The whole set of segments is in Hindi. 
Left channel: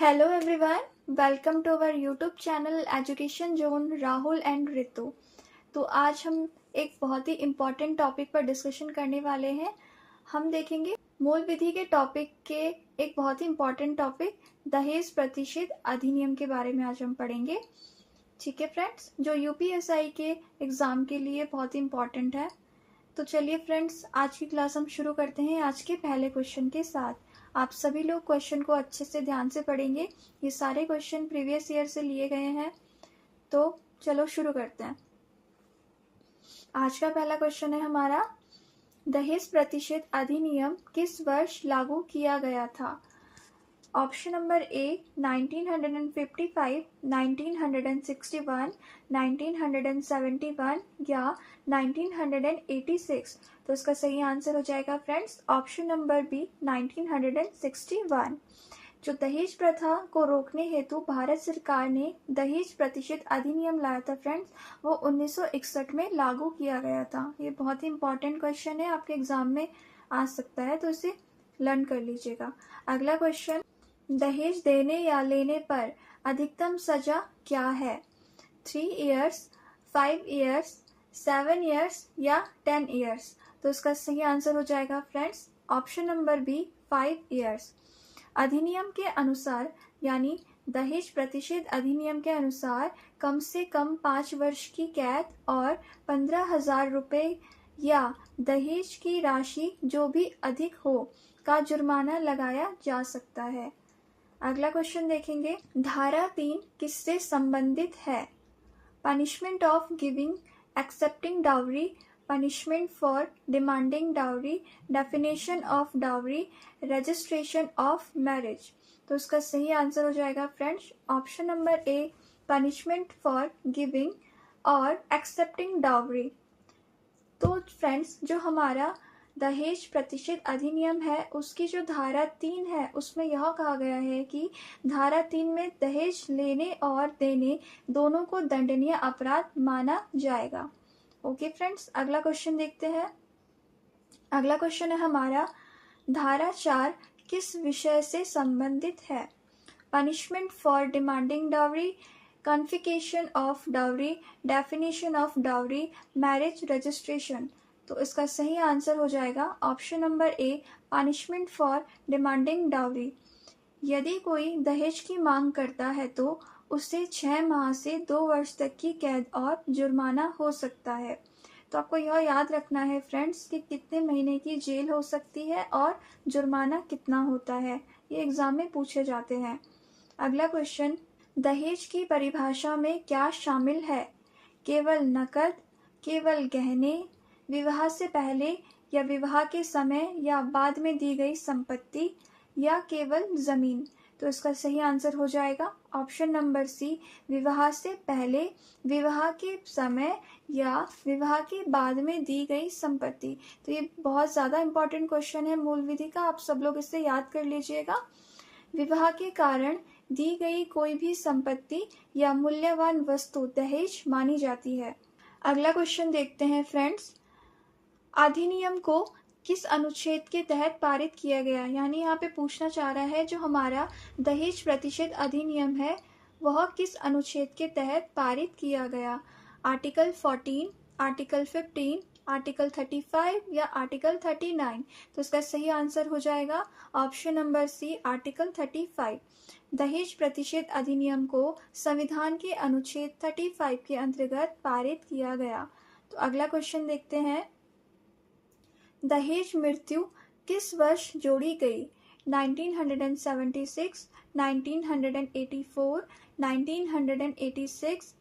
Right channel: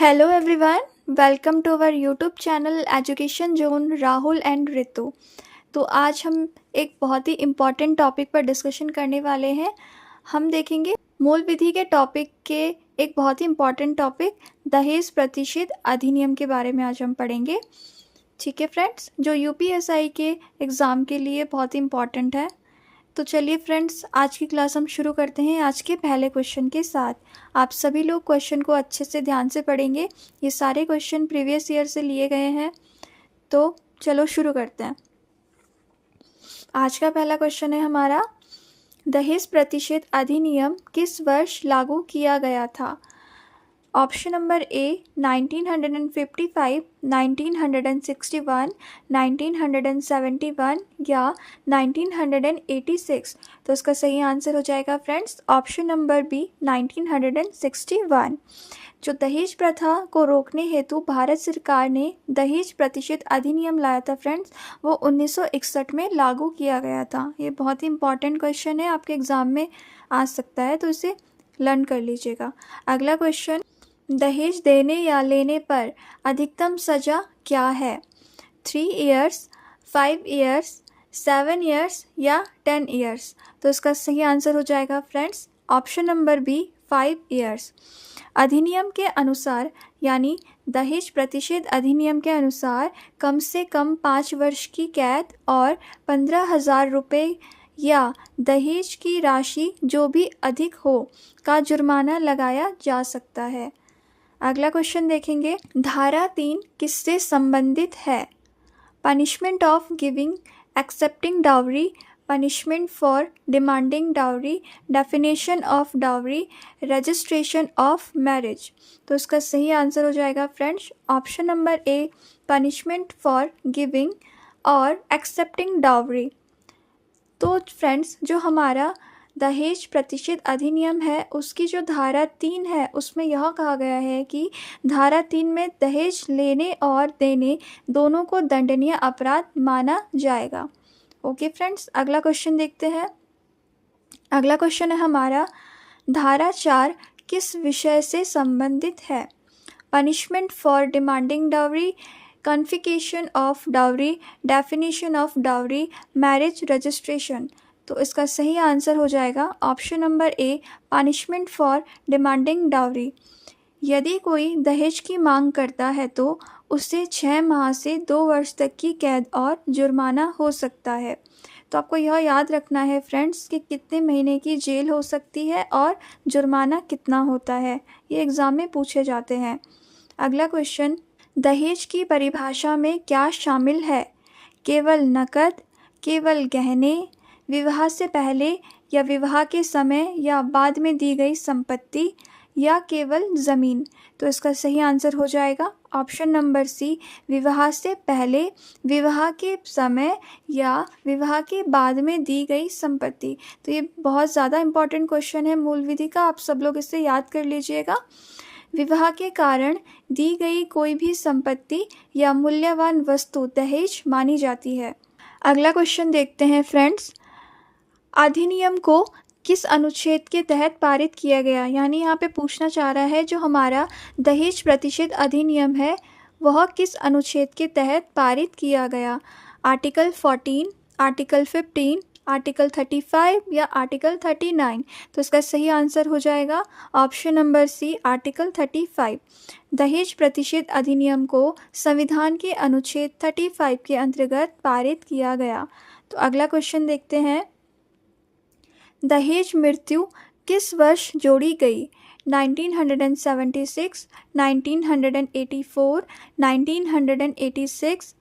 Hello everyone, welcome to our YouTube channel education zone Rahul and Ritu. तो आज हम एक बहुत ही इम्पॉर्टेंट टॉपिक पर डिस्कशन करने वाले हैं। हम देखेंगे मूल विधि के टॉपिक के एक बहुत ही इम्पॉर्टेंट टॉपिक दहेज प्रतिषेध अधिनियम के बारे में आज हम पढ़ेंगे। ठीक है फ्रेंड्स, जो यूपीएसआई के एग्ज़ाम के लिए बहुत ही इम्पॉर्टेंट है। तो चलिए फ्रेंड्स, आज की क्लास हम शुरू करते हैं आज के पहले क्वेश्चन के साथ। आप सभी लोग क्वेश्चन को अच्छे से ध्यान से पढ़ेंगे। ये सारे क्वेश्चन प्रीवियस ईयर से लिए गए हैं। तो चलो शुरू करते हैं। आज का पहला क्वेश्चन है हमारा, दहेज प्रतिषेध अधिनियम किस वर्ष लागू किया गया था? ऑप्शन नंबर ए 1955, 1961, 1971 या 1986। तो इसका सही आंसर हो जाएगा फ्रेंड्स ऑप्शन नंबर बी 1961। जो दहेज प्रथा को रोकने हेतु भारत सरकार ने दहेज प्रतिषेध अधिनियम लाया था फ्रेंड्स, वो 1961 में लागू किया गया था। ये बहुत ही इंपॉर्टेंट क्वेश्चन है, आपके एग्ज़ाम में आ सकता है, तो इसे लर्न कर लीजिएगा। अगला क्वेश्चन, दहेज देने या लेने पर अधिकतम सज़ा क्या है? 3 इयर्स, 5 इयर्स, 7 इयर्स या 10 इयर्स। तो इसका सही आंसर हो जाएगा friends option number B 5 years. अधिनियम के अनुसार, यानी दहेज प्रतिषेध अधिनियम के अनुसार, कम से कम 5 वर्ष की कैद और 15,000 रुपये या दहेज की राशि जो भी अधिक हो का जुर्माना लगाया जा सकता है। अगला क्वेश्चन देखेंगे, धारा 3 किससे संबंधित है? Punishment of giving, accepting dowry, punishment for demanding dowry, definition of dowry, registration of marriage. तो इसका सही आंसर हो जाएगा friends option number A punishment for giving और एक्सेप्टिंग डाउरी। तो फ्रेंड्स, जो हमारा दहेज प्रतिषेध अधिनियम है उसकी जो धारा 3 है उसमें यह कहा गया है कि धारा 3 में दहेज लेने और देने दोनों को दंडनीय अपराध माना जाएगा। ओके फ्रेंड्स, अगला क्वेश्चन देखते हैं। अगला क्वेश्चन है हमारा, धारा 4 किस विषय से संबंधित है? Punishment for demanding dowry, confiscation of dowry, definition of dowry, marriage registration. तो इसका सही आंसर हो जाएगा option number A punishment for demanding dowry. यदि कोई दहेज की मांग करता है तो उसे 6 माह से 2 वर्ष तक की कैद और जुर्माना हो सकता है। तो आपको यह याद रखना है फ्रेंड्स कि कितने महीने की जेल हो सकती है और जुर्माना कितना होता है, ये एग्ज़ाम में पूछे जाते हैं। अगला क्वेश्चन, दहेज की परिभाषा में क्या शामिल है? केवल नकद, केवल गहने, विवाह से पहले या विवाह के समय या बाद में दी गई संपत्ति या केवल ज़मीन। तो इसका सही आंसर हो जाएगा ऑप्शन नंबर सी विवाह से पहले, विवाह के समय या विवाह के बाद में दी गई संपत्ति। तो ये बहुत ज़्यादा इम्पॉर्टेंट क्वेश्चन है मूल विधि का, आप सब लोग इसे याद कर लीजिएगा। विवाह के कारण दी गई कोई भी संपत्ति या मूल्यवान वस्तु दहेज मानी जाती है। अगला क्वेश्चन देखते हैं फ्रेंड्स, अधिनियम को किस अनुच्छेद के तहत पारित किया गया? यानी यहाँ पे पूछना चाह रहा है जो हमारा दहेज प्रतिषेध अधिनियम है वह किस अनुच्छेद के तहत पारित किया गया? आर्टिकल 14, आर्टिकल 15, आर्टिकल 35 या आर्टिकल 39। तो इसका सही आंसर हो जाएगा ऑप्शन नंबर सी आर्टिकल 35। दहेज प्रतिषेध अधिनियम को संविधान के अनुच्छेद 35 के अंतर्गत पारित किया गया। तो अगला क्वेश्चन देखते हैं, दहेज मृत्यु किस वर्ष जोड़ी गई? 1976, 1984, 1986,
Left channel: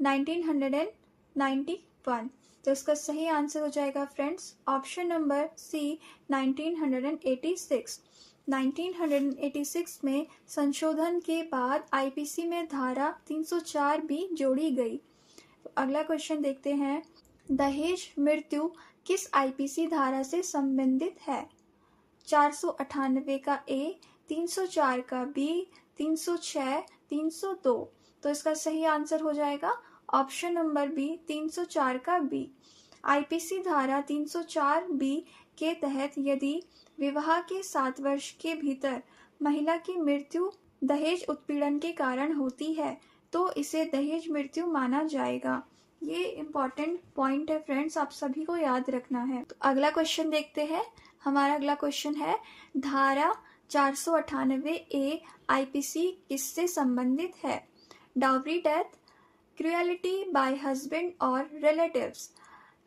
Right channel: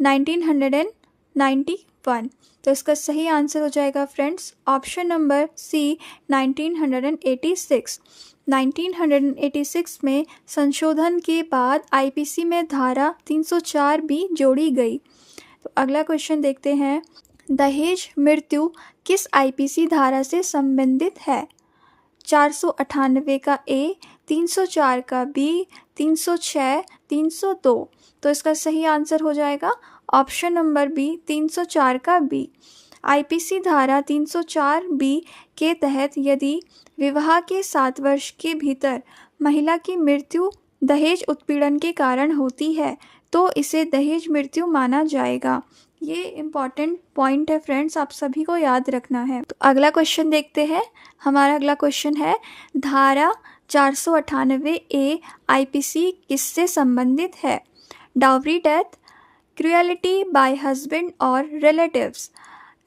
1991। तो इसका सही आंसर हो जाएगा फ्रेंड्स ऑप्शन नंबर सी 1986। 1986 में संशोधन के बाद आईपीसी में धारा 304 भी जोड़ी गई। तो अगला क्वेश्चन देखते हैं, दहेज मृत्यु किस आईपीसी धारा से संबंधित है? 498 का ए, 304 का बी, 306, 302। तो इसका सही आंसर हो जाएगा ऑप्शन नंबर बी 304 का बी। आईपीसी धारा 304 बी के तहत यदि विवाह के 7 वर्ष के भीतर महिला की मृत्यु दहेज उत्पीड़न के कारण होती है तो इसे दहेज मृत्यु माना जाएगा। ये इम्पॉर्टेंट पॉइंट है फ्रेंड्स, आप सभी को याद रखना है। तो अगला क्वेश्चन देखते हैं। हमारा अगला क्वेश्चन है, धारा 498A IPC किससे संबंधित है? Dowry death, cruelty by husband और relatives,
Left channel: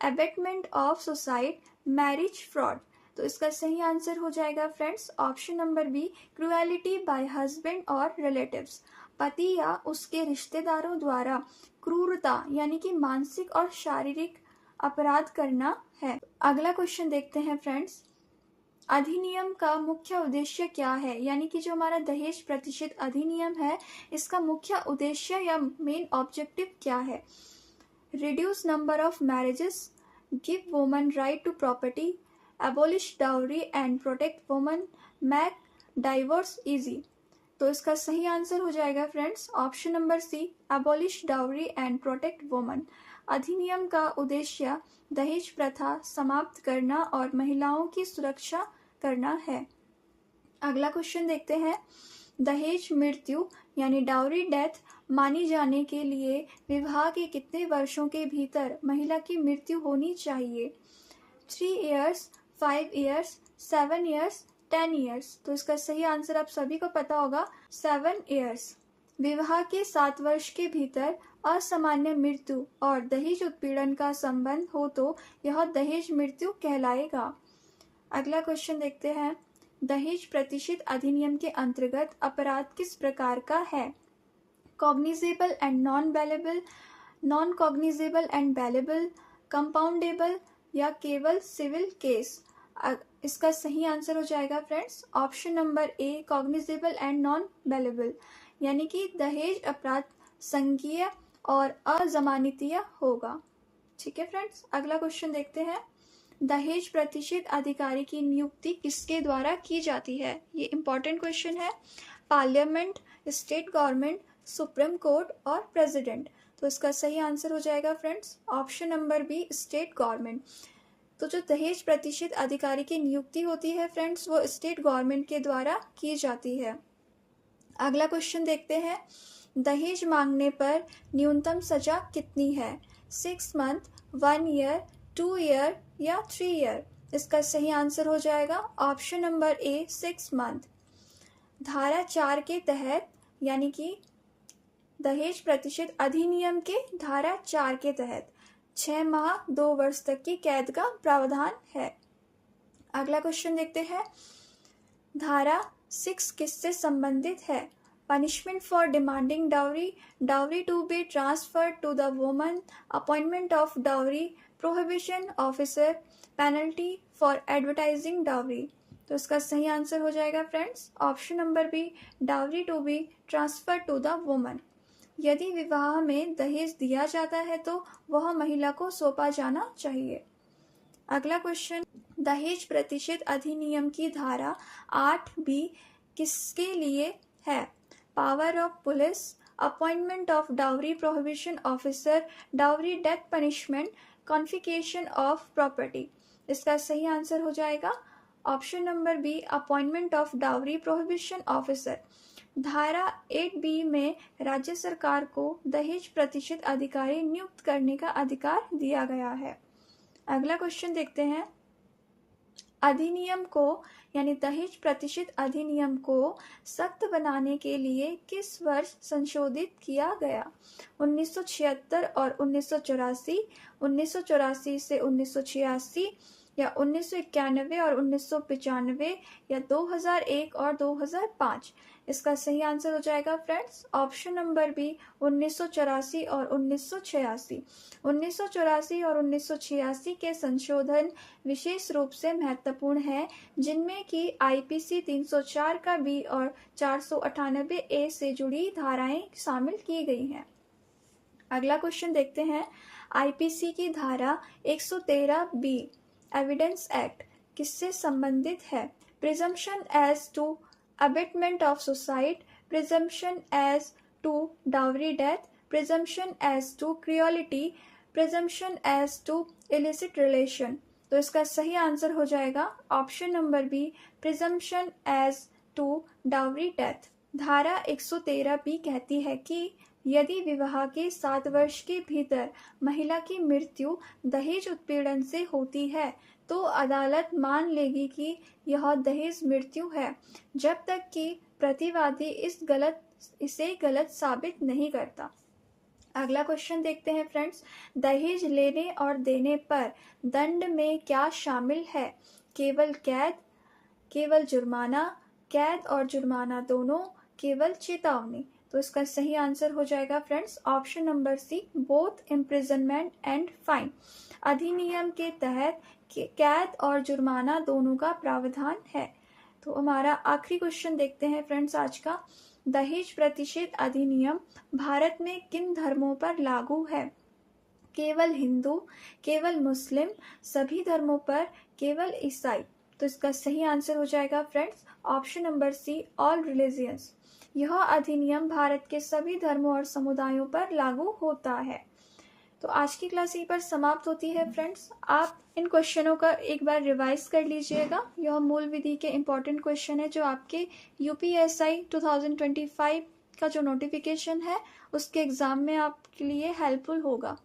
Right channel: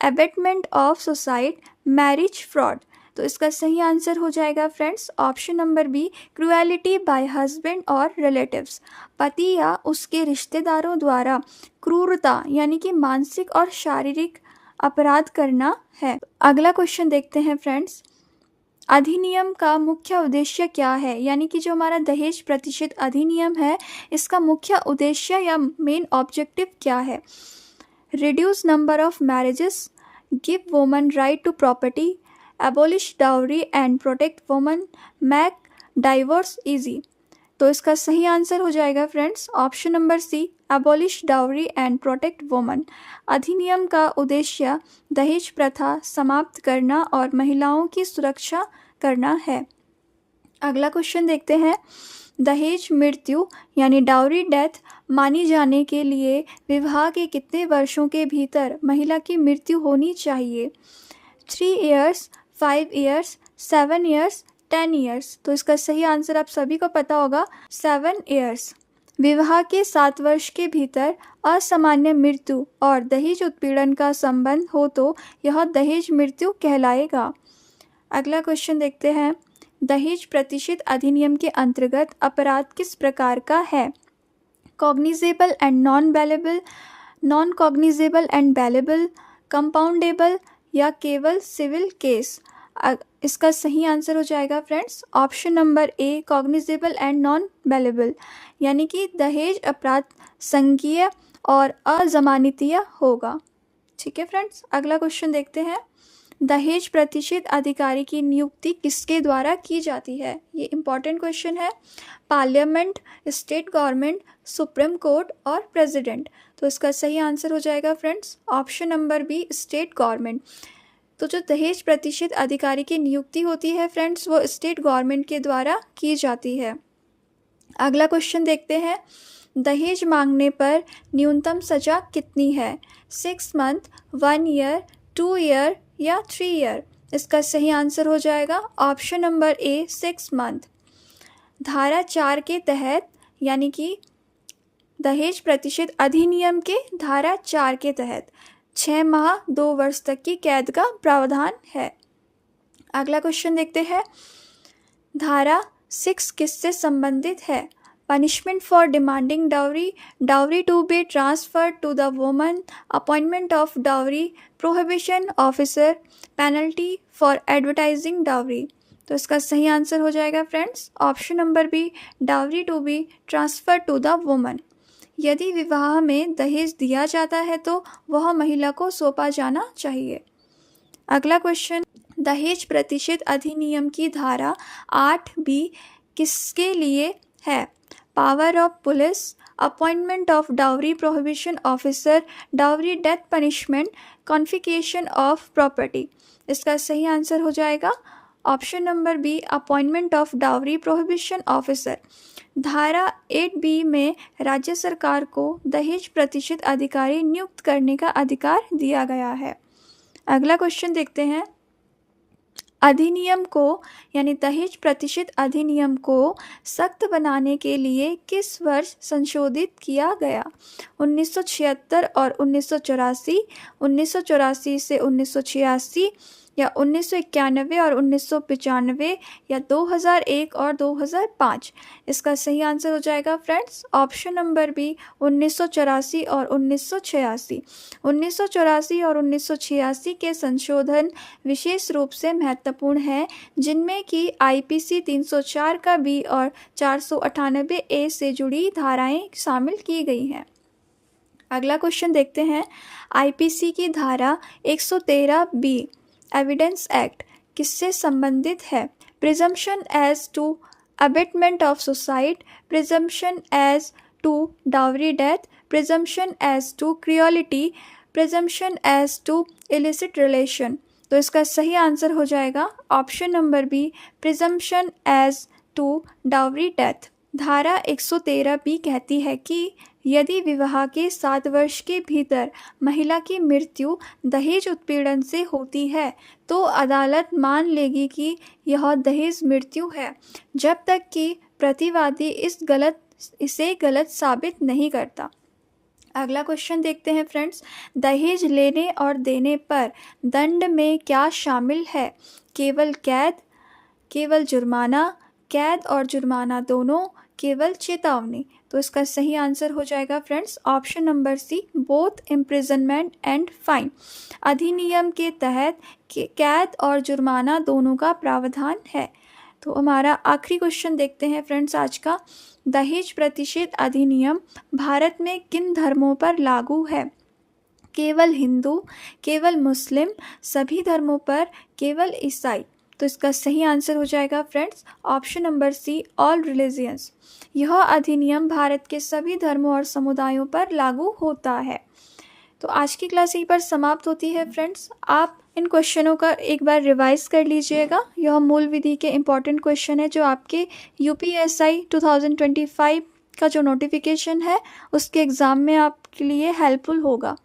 abetment of suicide, marriage fraud. तो इसका सही आंसर हो जाएगा friends option number B, cruelty by husband और रिलेटिव्स। पति या उसके रिश्तेदारों द्वारा क्रूरता यानी कि मानसिक और शारीरिक अपराध करना है। अगला क्वेश्चन देखते हैं फ्रेंड्स, अधिनियम का मुख्य उद्देश्य क्या है? यानी कि जो हमारा दहेज प्रतिशत अधिनियम है, इसका मुख्य उद्देश्य या मेन ऑब्जेक्टिव क्या है? Reduce number of marriages, give woman right to property, abolish dowry and protect woman, make divorce easy. तो इसका सही आंसर हो जाएगा friends option number C, abolish dowry and protect woman. अधिनियम का उद्देश्य दहेज प्रथा समाप्त करना और महिलाओं की सुरक्षा करना है। अगला क्वेश्चन देखते हैं, दहेज मृत्यु यानी डाउरी डेथ मानी जाने के लिए विवाह के कितने वर्षों के भीतर महिला की मृत्यु होनी चाहिए? 3 years, 5 years, 7 years, 10 years। तो इसका सही आंसर आप सभी को पता होगा, 7 years। विवाह के 7 वर्ष के भीतर असामान्य मृत्यु और दहेज उत्पीड़न का संबंध हो तो यह दहेज मृत्यु कहलाएगा। अगला क्वेश्चन देखते हैं, दहेज प्रतिशत अधिनियम के अंतर्गत अपराध किस प्रकार का है? Cognizable and non bailable, non cognizable and bailable, compoundable या केवल सिविल केस। इसका सही आंसर हो जाएगा friends option number A, cognizable and non bailable, यानी कि दहेज अपराध संज्ञेय और अजमानतीय होगा। ठीक है फ्रेंड्स, अगला क्वेश्चन देखते हैं, दहेज प्रतिशत अधिकारी की नियुक्ति किसके द्वारा की जाती है? ये इंपॉर्टेंट क्वेश्चन है। Parliament, state government, supreme court और प्रेसिडेंट। तो इसका सही आंसर हो जाएगा friends option number B, state government. तो जो दहेज प्रतिशत अधिकारी की नियुक्ति होती है फ्रेंड्स, वो स्टेट गवर्नमेंट के द्वारा की जाती है। अगला क्वेश्चन देखते हैं, दहेज मांगने पर न्यूनतम सजा कितनी है? 6 month, 1 year, 2 year या 3 year। इसका सही आंसर हो जाएगा ऑप्शन नंबर ए, 6 month। धारा 4 के तहत यानी कि दहेज प्रतिशत अधिनियम के धारा 4 के तहत 6 माह 2 वर्ष तक की कैद का प्रावधान है। अगला क्वेश्चन देखते हैं, धारा 6 किससे संबंधित है? Punishment for demanding dowry, dowry to be transferred to the woman, appointment of dowry, prohibition officer, penalty for advertising dowry. तो इसका सही आंसर हो जाएगा friends option number B, dowry to be transfer to the woman. यदि विवाह में दहेज दिया जाता है तो वह महिला को सौंपा जाना चाहिए। अगला क्वेश्चन, दहेज प्रतिशत अधिनियम की धारा 8B किसके लिए है? Power of police, appointment of dowry prohibition officer, dowry death punishment, confiscation of property. इसका सही आंसर हो जाएगा option number B, appointment of dowry prohibition officer. धारा 8B में राज्य सरकार को दहेज प्रतिशत अधिकारी नियुक्त करने का अधिकार दिया गया है। अगला क्वेश्चन देखते हैं, अधिनियम को यानी दहेज प्रतिशत अधिनियम को सख्त बनाने के लिए किस वर्ष संशोधित किया गया? 1976 और 1984, 1984 से 1986 या 1991 और 1995 या 2001 और 2005। इसका सही आंसर हो जाएगा फ्रेंड्स ऑप्शन नंबर बी, 1984 और 1986। 1984 और 1986 के संशोधन विशेष रूप से महत्वपूर्ण हैं, जिनमें कि IPC 304 का बी और 498A से जुड़ी धाराएं शामिल की गई हैं। अगला क्वेश्चन देखते हैं, IPC की धारा 113B एविडेंस एक्ट किससे संबंधित है? Presumption as to abetment of suicide, presumption as to dowry death, presumption as to cruelty, presumption as to illicit relation. तो इसका सही आंसर हो जाएगा option number B, presumption as to dowry death. धारा 113 बी कहती है कि यदि विवाह के 7 वर्ष के भीतर महिला की मृत्यु दहेज उत्पीड़न से होती है तो अदालत मान लेगी कि यह दहेज मृत्यु है, जब तक कि प्रतिवादी इसे गलत साबित नहीं करता। अगला क्वेश्चन देखते हैं फ्रेंड्स। दहेज लेने और देने पर दंड में क्या शामिल है? केवल कैद, केवल जुर्माना, कैद और जुर्माना दोनों, केवल चेतावनी। तो इसका सही आंसर हो जाएगा friends option number C, both imprisonment and fine. अधिनियम के तहत कैद और जुर्माना दोनों का प्रावधान है। तो हमारा आखिरी क्वेश्चन देखते हैं फ्रेंड्स आज का। दहेज प्रतिषेध अधिनियम भारत में किन धर्मों पर लागू है? केवल हिंदू, केवल मुस्लिम, सभी धर्मों पर, केवल ईसाई। तो इसका सही आंसर हो जाएगा friends option number C, all religions. यह अधिनियम भारत के सभी धर्मों और समुदायों पर लागू होता है। तो आज की क्लास यहीं पर समाप्त होती है फ्रेंड्स। आप इन क्वेश्चनों का एक बार रिवाइज कर लीजिएगा। यह मूल विधि के इम्पॉर्टेंट क्वेश्चन है जो आपके यूपीएसआई 2025 का जो नोटिफिकेशन है उसके एग्ज़ाम में आपके लिए हेल्पफुल होगा।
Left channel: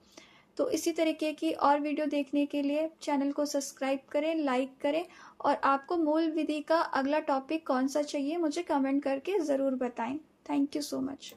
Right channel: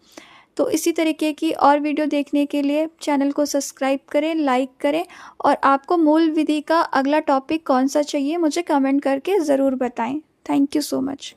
तो इसी तरीके की और वीडियो देखने के लिए चैनल को सब्सक्राइब करें, लाइक करें, और आपको मूल विधि का अगला टॉपिक कौन सा चाहिए मुझे कमेंट करके ज़रूर बताएं। Thank you so much.